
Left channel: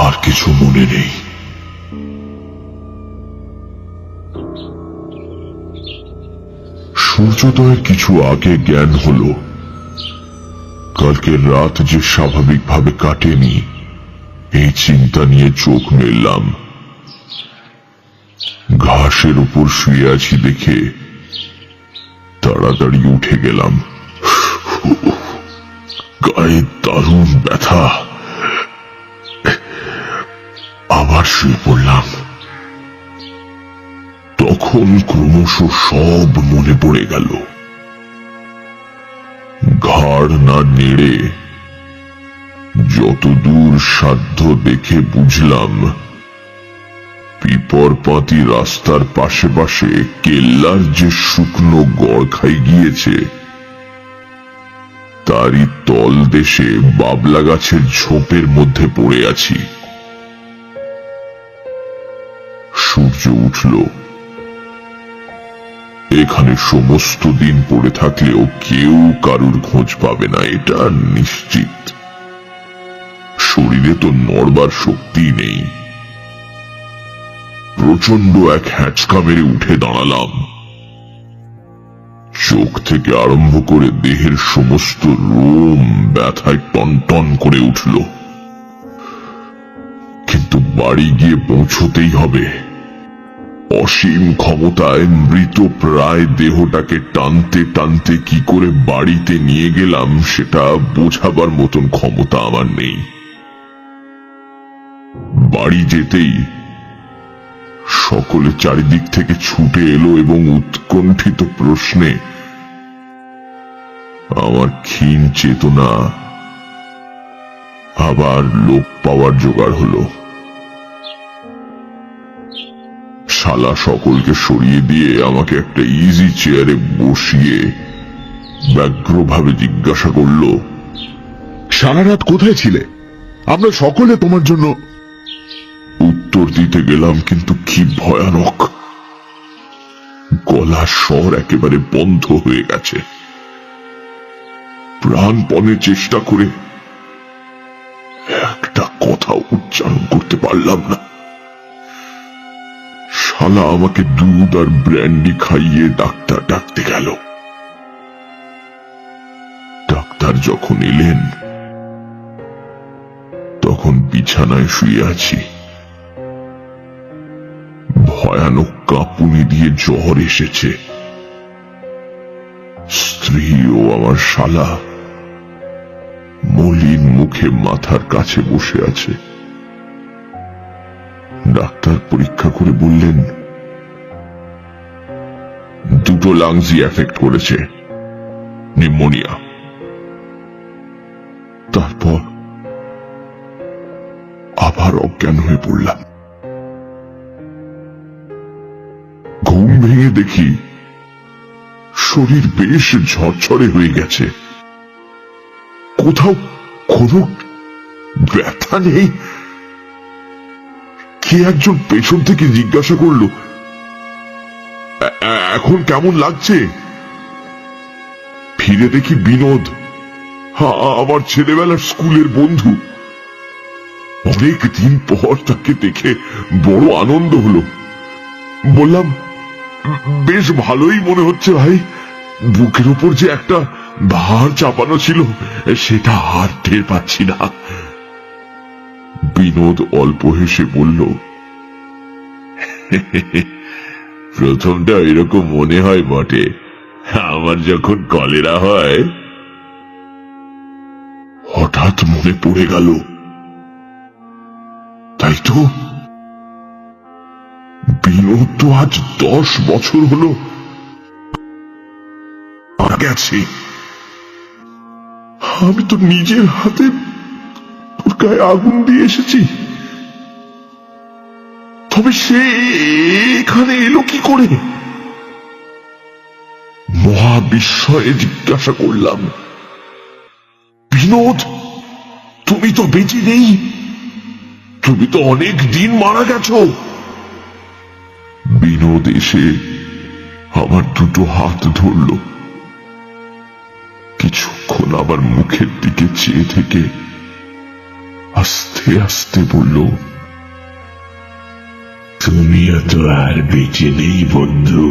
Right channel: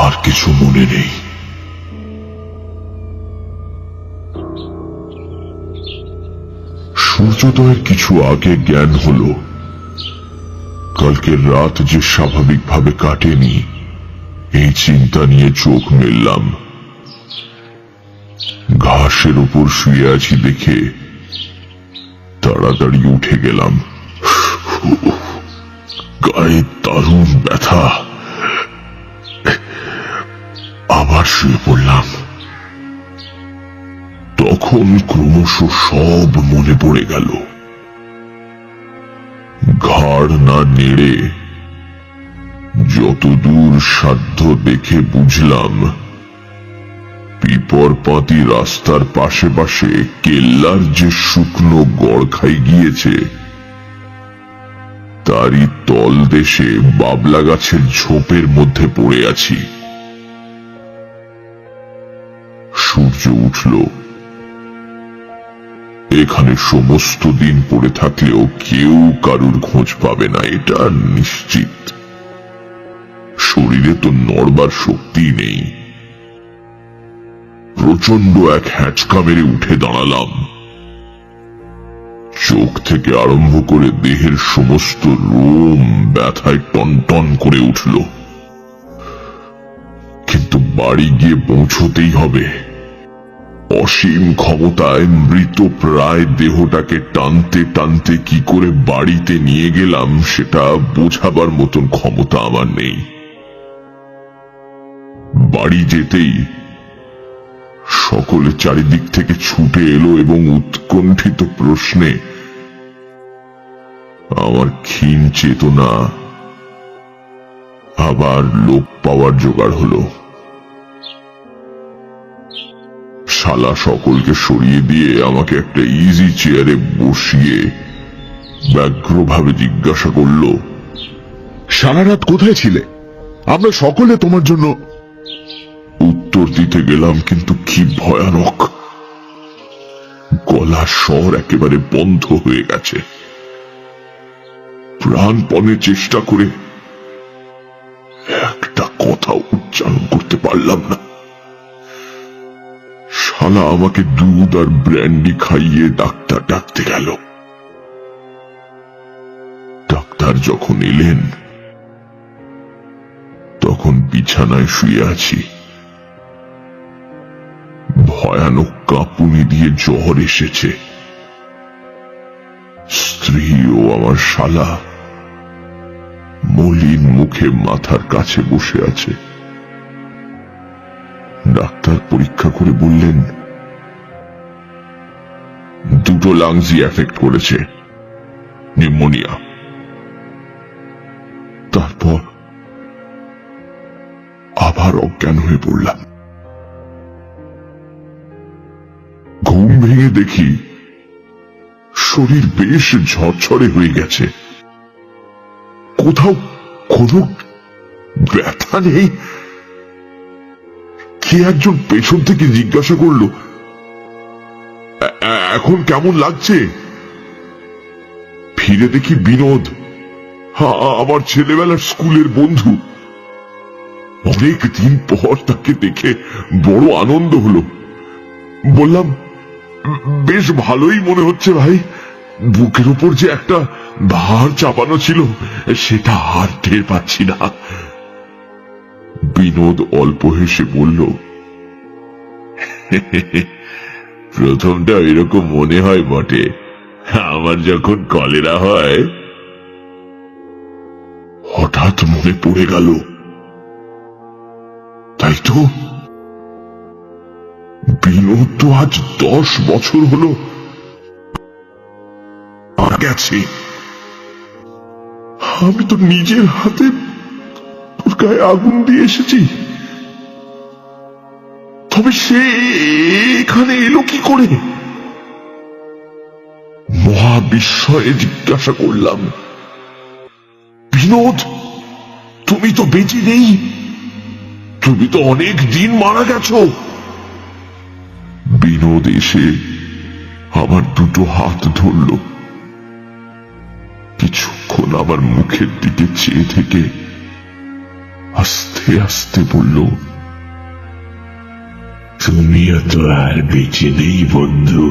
আর কিছু মনে নেই। সূর্যোদয়ের কিছু আগে জ্ঞান হলো কালকের রাত যে স্বাভাবিকভাবে কাটেনি, এই চিন্তা নিয়ে চোখ মেললাম। ঘাসের উপর শুয়ে আছি দেখে তাড়াতাড়ি উঠে গেলাম। গায়ে দারুণ ব্যথা। আবার শুয়ে পড়লাম। তখন ক্রমশ সব মনে পড়ে গেল। ঘাড় না নেড়ে যতদূর সাধ্য দেখে বুঝলাম পিপর পাতি রাস্তার পাশে পাশে কেল্লার যে শুকনো গড় খাই গিয়েছে তারই তল দেশে বাবলা গাছের ঝোপের মধ্যে পড়ে আছি। সূর্য উঠল। এখানে সমস্ত দিন পড়ে থাকলেও কেউ কারুর খোঁজ পাবে না, এটা নিশ্চিত। শরীরে তো নড়বার শক্তি নেই। প্রচন্ড এক হ্যাঁচকা মেরে উঠে দাঁড়ালাম। চোখ থেকে আরম্ভ করে দেহের সমস্ত লোম ব্যথায় টনটন করে উঠল। কিন্তু বাড়ি গিয়ে পৌঁছতেই হবে। অসীম ক্ষমতায় মৃত প্রায় দেহটাকে টানতে টানতে কি করে বাড়িতে নিয়ে গেলাম সেটা বোঝাবার মতন ক্ষমতা আমার নেই। বাড়ি যেতেই সকলে চারিদিক থেকে ছুটে এলো এবং উৎকণ্ঠিত প্রশ্নে আমার ক্ষীণ চেতনা আবার লোপ পাওয়ার জোগাড় হলো। শালা সকলকে সরিয়ে দিয়ে আমাকে একটা ইজি চেয়ারে বসিয়ে ব্যগ্রভাবে জিজ্ঞাসা করলো, সারা রাত কোথায় ছিলে? আমরা সকলে তোমার জন্য। উত্তর দিতে গেলাম, কিন্তু কি ভয়ানক! গলার স্বর একেবারে বন্ধ হয়ে গেছে। প্রাণপণে চেষ্টা করে একটা কথা উচ্চারণ করতে পারলাম না। শালা আমাকে দুধ আর ব্র্যান্ডি খাইয়ে ডাক্তার ডাকতে গেল। ডাক্তার যখন এলেন বিছানায় শুয়ে আছি। ভয়ানক কাঁপুনি দিয়ে জ্বর এসেছে। স্ত্রী ও আমার শালা মলিন মুখে মাথার কাছে বসে আছে। ডাক্তার পরীক্ষা করে বললেন, দুটো লাংসই এফেক্ট করেছে, নিউমোনিয়া। তারপর আবার অজ্ঞান হয়ে পড়লাম। ঘুম ভেঙে দেখি শরীর বেশ ঝরঝরে হয়ে গেছে, কোথাও কোনো ব্যথা নেই। কে একজন পেছন থেকে জিজ্ঞাসা করলো, এখন কেমন লাগছে? ফিরে দেখি বিনোদ, আমার ছেলেবেলার স্কুলের বন্ধু। অনেক দিন পর তাকে দেখে বড় আনন্দ হলো। বললাম, বেশ ভালোই মনে হচ্ছে ভাই। বুকের উপর যে একটা ভার চাপানো ছিল সেটা আর টের পাচ্ছি না। বিনোদ অল্প হেসে বলল, প্রথমটা এরকম মনে হয় বটে, আমার যখন কলেরা হয়। হঠাৎ মনে পড়ে গেল, তাই তো বিনোদ তো আজ 10 বছর হলো মারা গেছে। আমি তো নিজের হাতে ওর গায়ে আগুন দিয়ে এসেছি। তবে সে এখানে এলো কি করে? মহা বিস্ময়ে জিজ্ঞাসা করলাম, বিনোদ, তুমি তো বেঁচে নেই, তুমি তো অনেক দিন মারা গেছো। বিনোদ এসে আমার দুটো হাত ধরল, কিছুক্ষণ আমার মুখের দিকে চেয়ে থেকে আস্তে আস্তে বলল, তুমি তো আর বেঁচে নেই বন্ধু।